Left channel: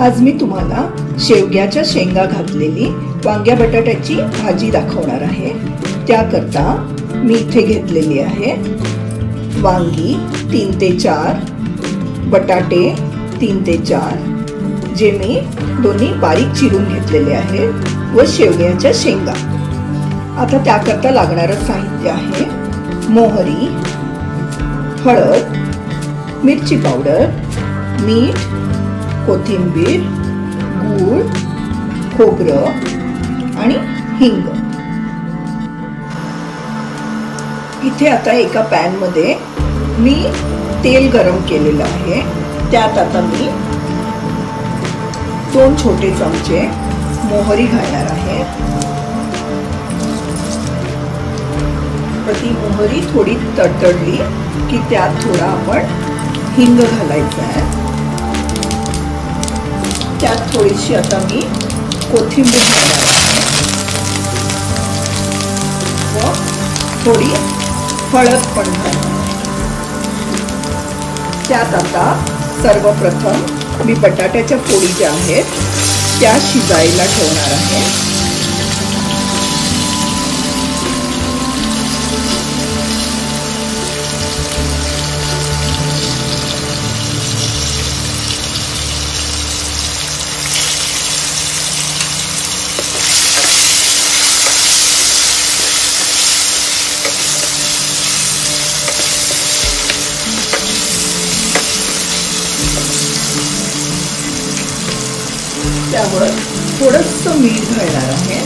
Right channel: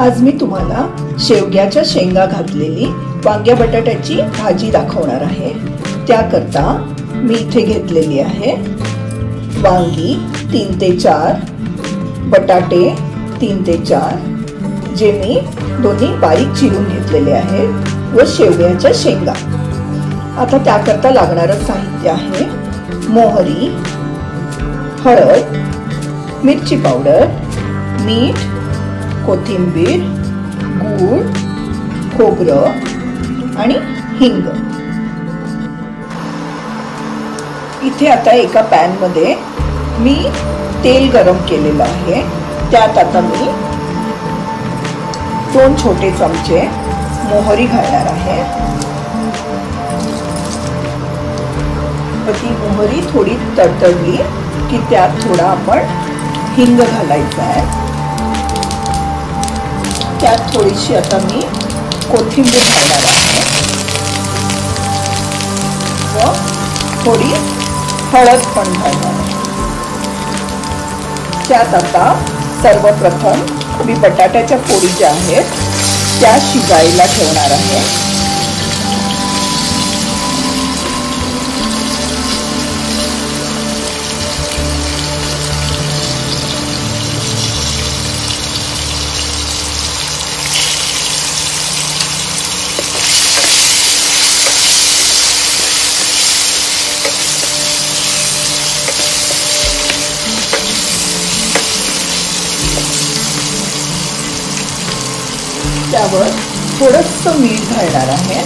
आज मी तुम्हाला शेवग्याच्या शेंगा घातलेली वांग्या बटाट्याची भाजी दाखवणार आहे। त्याकरता मी इथे घेतलेली आहे वांगी 3 ते 4, बटाटे 3 ते 4 जे मी दोन्ही बारीक चिरून घेतलेले आहे व शेवग्याच्या शेंगा। आता त्याकरता लागणारं साहित्य आहे मोहरी, हळद, मिरची पावडर, मीठ, कोथिंबीर, गूळ, खोबरं आणि हिंग। इथे आता एका पॅन मध्ये मी तेल गरम केलेलं आहे। त्यात आता मी 2 छोटे चमचे मोहरी घालणार आहे। ती मोहरी थोडी तडतडली की त्यात थोडा आपण हिंग घालायचा आहे। त्यात थोडीशी आता मी कोथिंबीर घालणार आहे व थोडी हळद पण घालणार आहे। त्यात आता सर्वप्रथम मी बटाट्याच्या फोडी ज्या आहेत त्या शिजायला ठेवणार आहे। त्यावर थोडंसं मीठ घालणार आहे।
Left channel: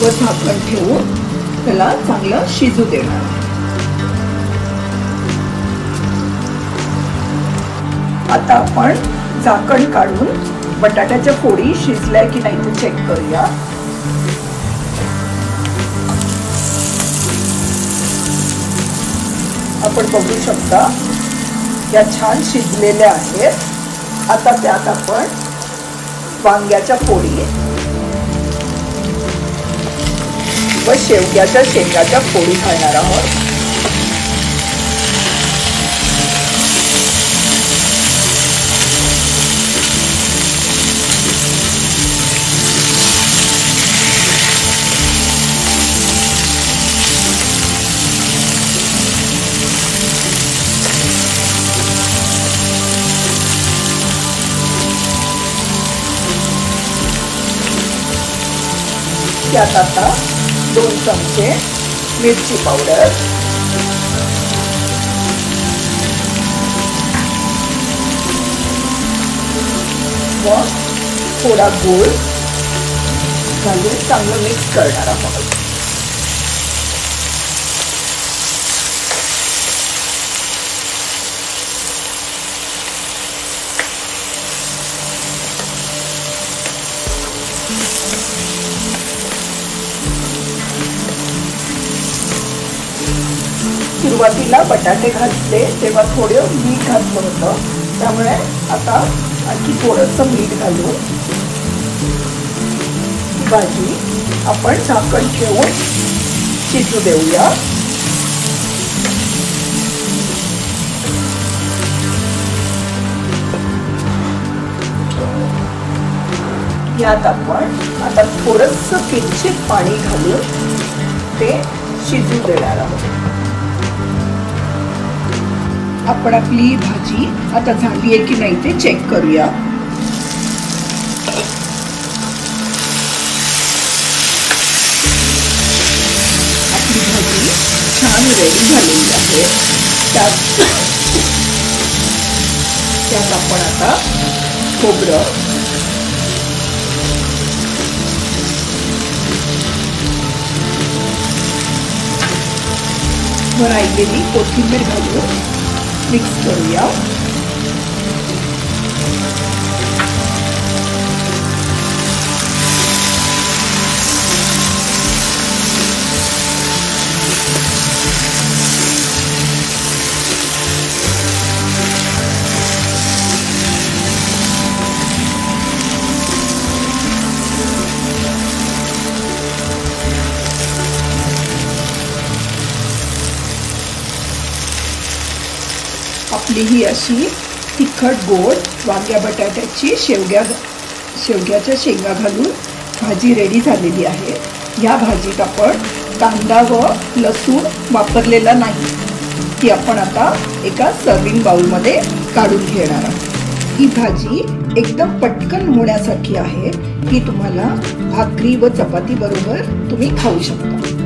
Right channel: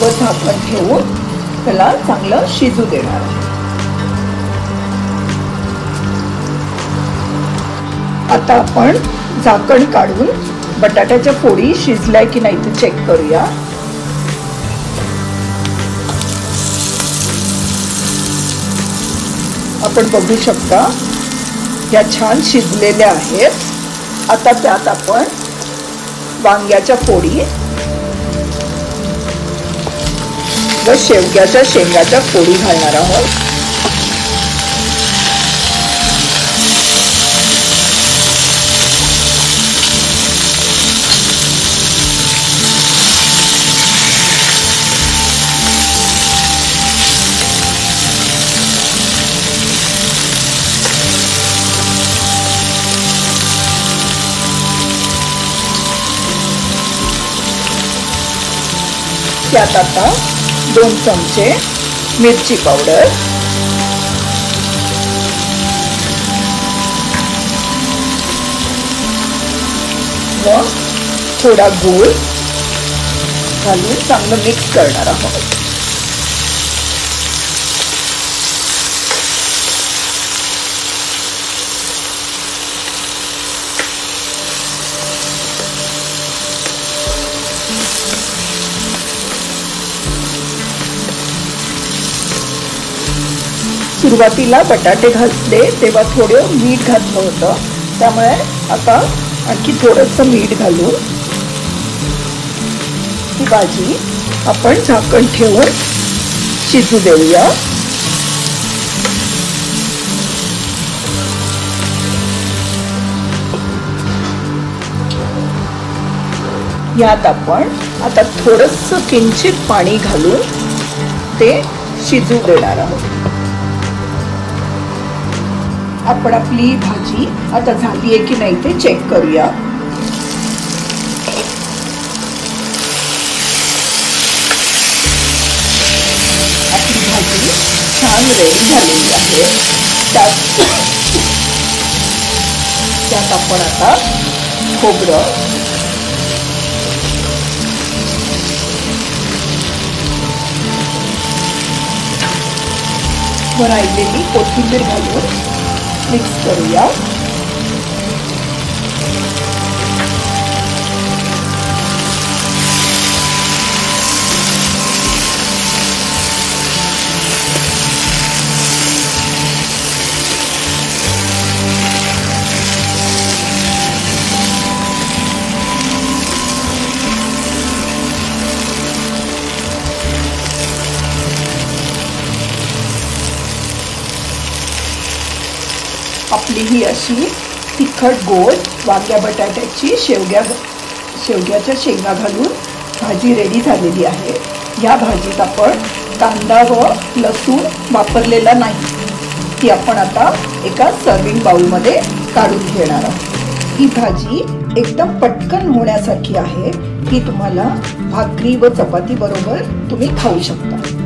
व झाकण ठेवून त्याला चांगलं शिजू देणार। आता आपण झाकण काढून बटाट्याच्या फोडी शिजल्या की नाही ते चेक करूया। आपण बघू शकता या छान शिजलेल्या आहेत। आता त्यात आपण वांग्याच्या फोडी व शेवग्याच्या शेंगाच्या फोडी घालणार आहोत। त्यात आता 2 चमचे मिरची पावडर, व थोडा गूळ घालून चांगलं मिक्स करणार आहोत। सुरुवातीला बटाटे घातले तेव्हा थोडं मीठ घातलं होतं, त्यामुळे आता आणखी थोडंसं मीठ घालून ही भाजी आपण झाकण ठेवून शिजू देऊया। यात आपण आता थोडंसं किंचित पाणी घालून ते शिजू देणार आहोत। आपण आपली भाजी आता झाली आहे की नाही ते चेक करूया। आपली भाजी छान रेडी झालेली आहे। त्यात आपण आता खोबरं, व राहिलेली कोथिंबीर घालून मिक्स करूया। आपली ही अशी तिखट गोड वांग्या बटाट्याची शेवग्याच्या शेंगा घालून भाजी रेडी झालेली आहे. या भाजीत आपण कांदा व लसूण वापरलेला नाही. ती आपण आता एका सर्विंग बाउलमध्ये काढून घेणार आहोत. ही भाजी एकदम पटकन होण्यासाठी आहे. ही तुम्हाला भाकरी व चपाती बरोबर तुम्ही खाऊ शकता.